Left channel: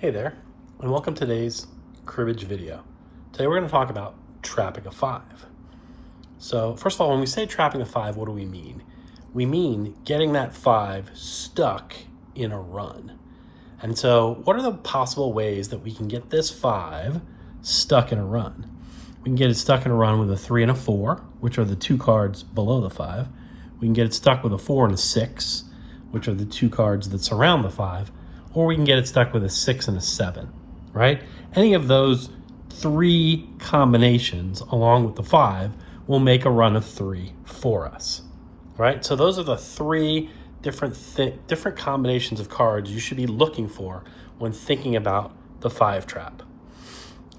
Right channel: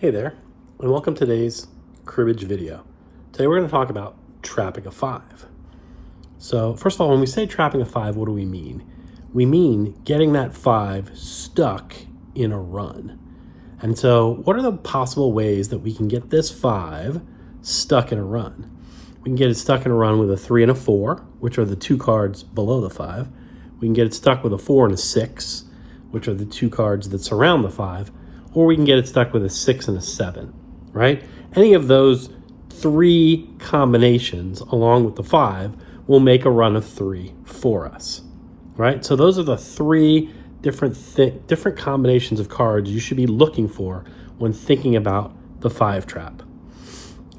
Hey there, and welcome to today's cribbage video. Today we're going to talk about trapping a 5. So first of all, when we say trapping a 5, what do we mean? We mean getting that 5 stuck in a run. And so what are the possible ways that we can get this 5 stuck in a run? We can get it stuck in a run with a 3 and a 4, which are the two cards below the 5. We can get it stuck with a 4 and a 6, which are the two cards that surround the 5. Or we can get it stuck with a 6 and a 7, right? Any of those three combinations along with the 5 will make a run of 3 for us, right? So those are the three different combinations of cards you should be looking for when thinking about the 5 trap.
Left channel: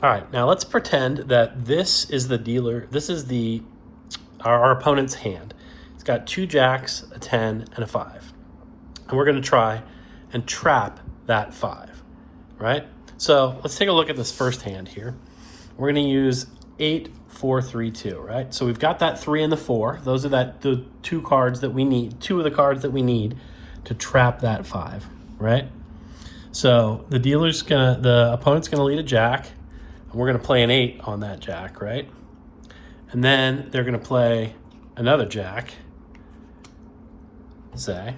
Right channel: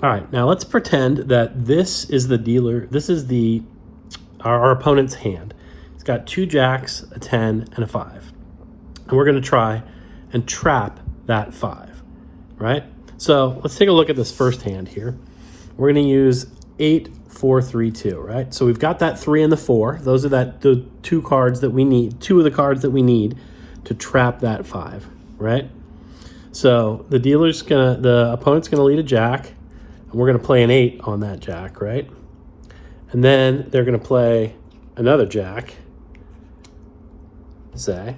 All right, now let's pretend that this is the dealer, this is our opponent's hand. It's got 2 jacks, a 10, and a 5. And we're gonna try and trap that 5, right? So let's take a look at this first hand here. We're gonna use 8, 4, 3, 2, right? So we've got that 3 and the 4. Those are the two cards that we need, two of the cards that we need to trap that 5, right? So the opponent's gonna lead a jack, and we're gonna play an 8 on that jack, right? And then they're gonna play another jack, say,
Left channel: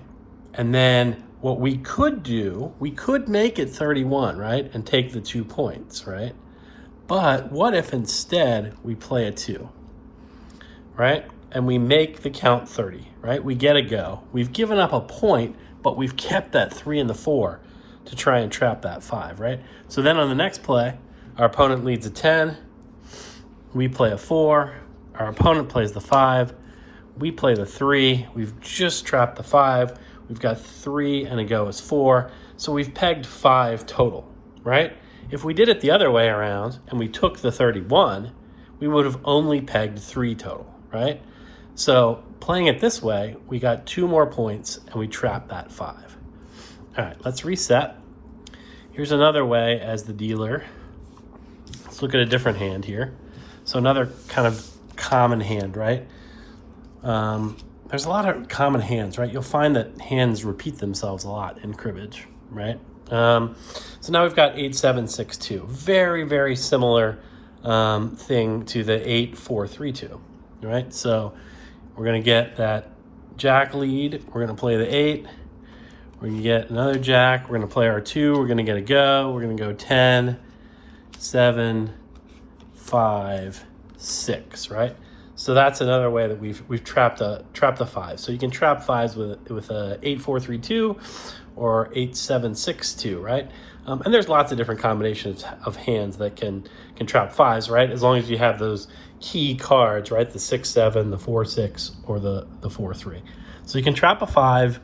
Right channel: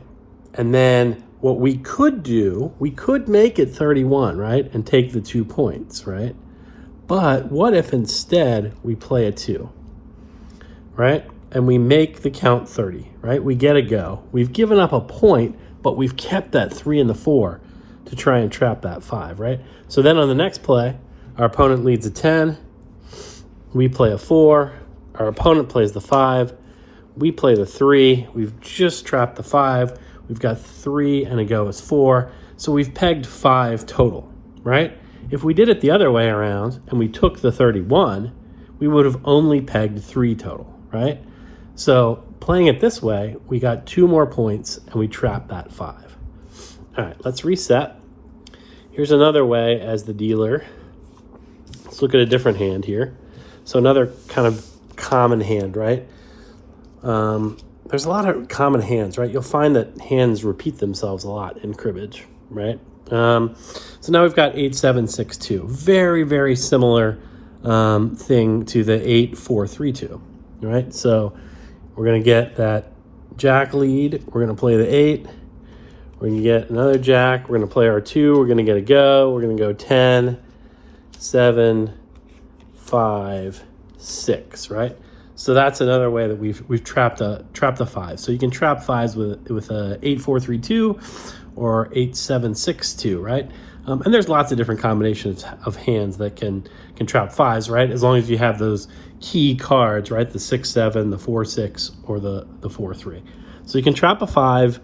and then what we could do, we could make it 31, right? And take the 2 points, right? But what if instead we play a 2, right? And we make the count 30, right? We get a go. We've given up a point, but we've kept that 3 and the 4 to try and trap that 5, right? So then on the next play, our opponent leads a 10, we play a 4, our opponent plays the 5, we play the 3, we've just trapped the 5, we've got 3 and a go is 4, so we've pegged 5 total, right? If we did it the other way around and we took the 31, we would have only pegged 3 total, right? So playing it this way, we got 2 more points and we trapped that 5. All right, let's reset. Here's another way as the dealer. Let's look at a different hand here. So another kind of common hand, right? There's a lot of common hands, right? You'll find that hands repeat themselves a lot in cribbage, right? So now we've got 8, 7, 6, 2. Very, very similar thing to the 8, 4, 3, 2, right? So we're gonna get that jack lead. We're gonna play the 8. We're gonna get another jack. We're gonna play our 2. We're gonna get a go. We're gonna go 10, 7, 5, 6, right? So that's another way that we've trapped a 5. So you can trap 5s with a 8, 4, 3, 2 or 8, 7, 6, 2, right? And there's lots of different combinations of hands that can trap 5s, right? As long as you have those key cards, right? The 6, 7, the 4, 6, or the 4, 3. So you can trap a 5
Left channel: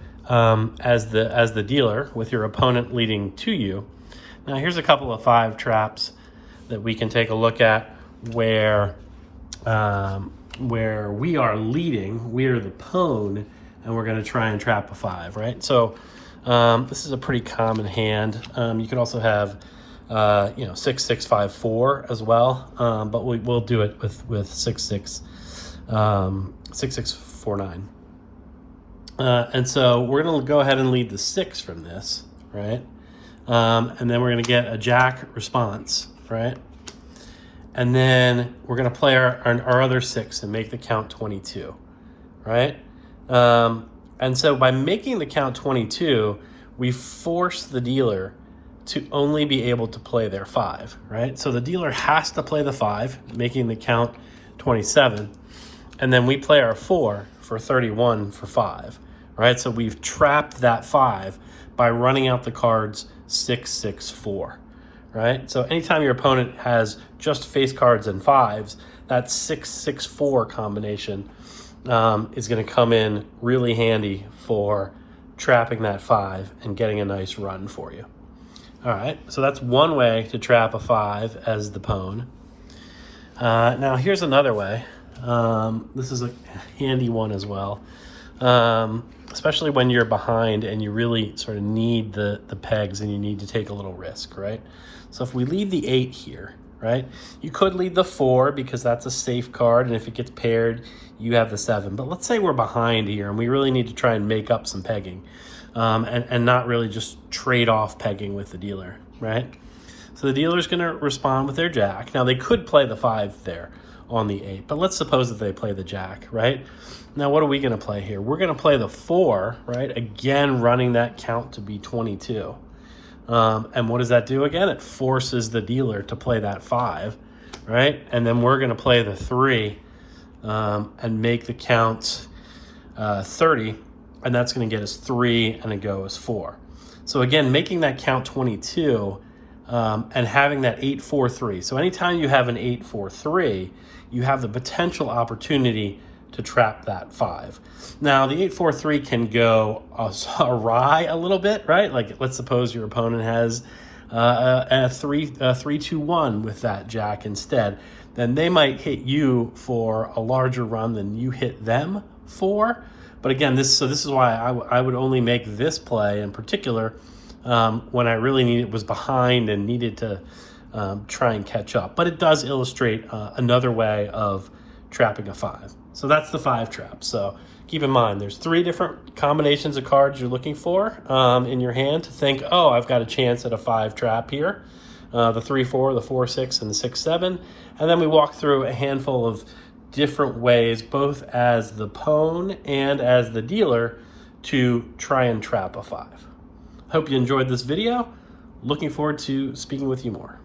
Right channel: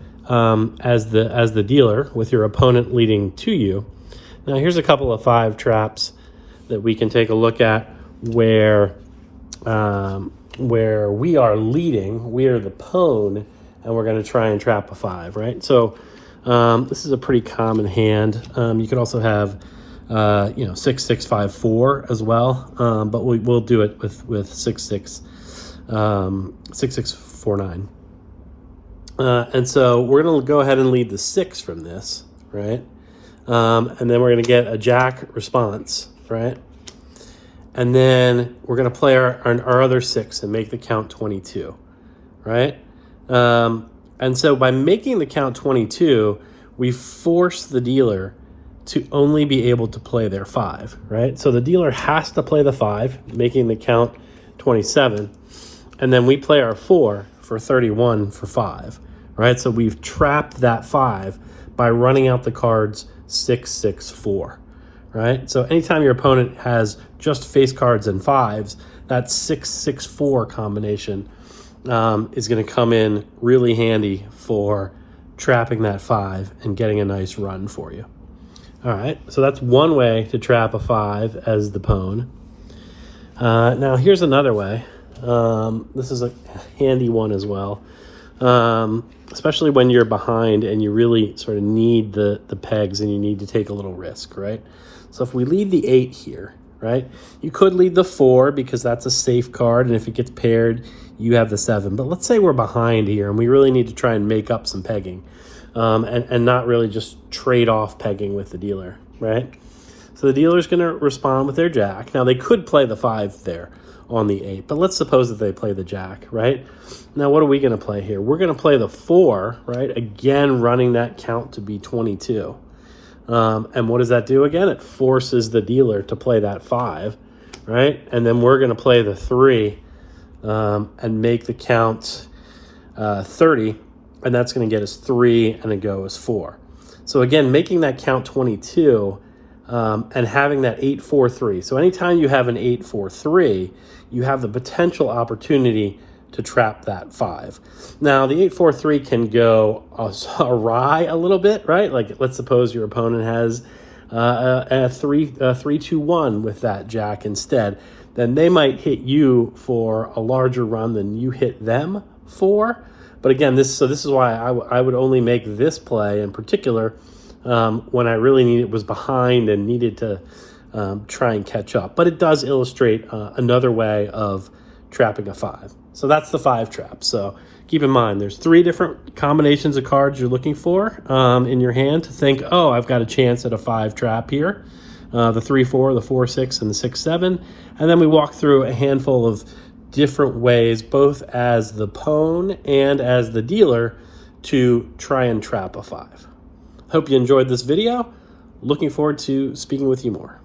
as the dealer with your opponent leading to you. Now here's a couple of 5 traps that we can take a look at where we are leading, we are the pwn, and we're going to try and trap a 5, right? So this is a pretty common hand. You could also have 6, 6, 5, 4 as well, but we'll do it with 6, 6, 6, 6, 4, 9. And so we're going to go ahead and lead the 6 from this, right? And then we're going to get a jack response, right? And then we're going to play our other 6 and make the count 22, right? And so by making the count 22, we force the dealer to only be able to play their 5, right? So the dealer has to play the 5, making the count 27, and then we play our 4 for 31 for 5, right? So we've trapped that 5 by running out the cards 6, 6, 4. Right? So anytime your opponent has just face cards and 5s, that 6, 6, 4 combination is going to come in really handy for trapping that 5 and getting a nice run for you. All right, so that's one way to trap a 5 as the pwn. Now here's another way. This is a handy one as well, especially when you're behind and you really sort of need the pegs and you need to take a little risk, right? So if we lead the 8 here, right, you could lead the 4 because that's a safe card, and if it gets paired, you have the 7. But let's say we're behind here and we really need to try and make up some pegging. and not really just trade off pegging with the dealer, right? So the dealer's going to respond with their jack. Now they could play the 5 there on the 8, but let's suppose that they play the jack, right? Now what are we going to play here? We're going to play the 4, right? Again, running that count to be 22. And what does that do again? It forces the dealer to play that 5, right? And then we're going to play the 3 and make the count 30, and that's going to get us 3, and it goes 4. So again, making that count 22 and having that 8-4-3. So anytime you have an 8-4-3, you have the potential opportunity to trap that 5. Now the 8-4-3 can go awry a little bit, right? Like let's suppose your opponent has a 3-2-1 with that jack instead. Then they might hit you for a larger run than you hit them for. But again, this is why I would only make this play in particular when I really was behind and needed to try and catch up. But it does illustrate another way of trapping a 5. So that's the 5 trap. So keep in mind, there's 3 different combinations of cards you're looking for in your hand to think, oh, I've got a chance at a 5 trap here. The 3-4, the 4-6, and the 6-7. And then we walk through a handful of different ways, both as the pawn and as the dealer, to try and trap a 5. Hope you enjoyed this video. Looking forward to speaking with you more.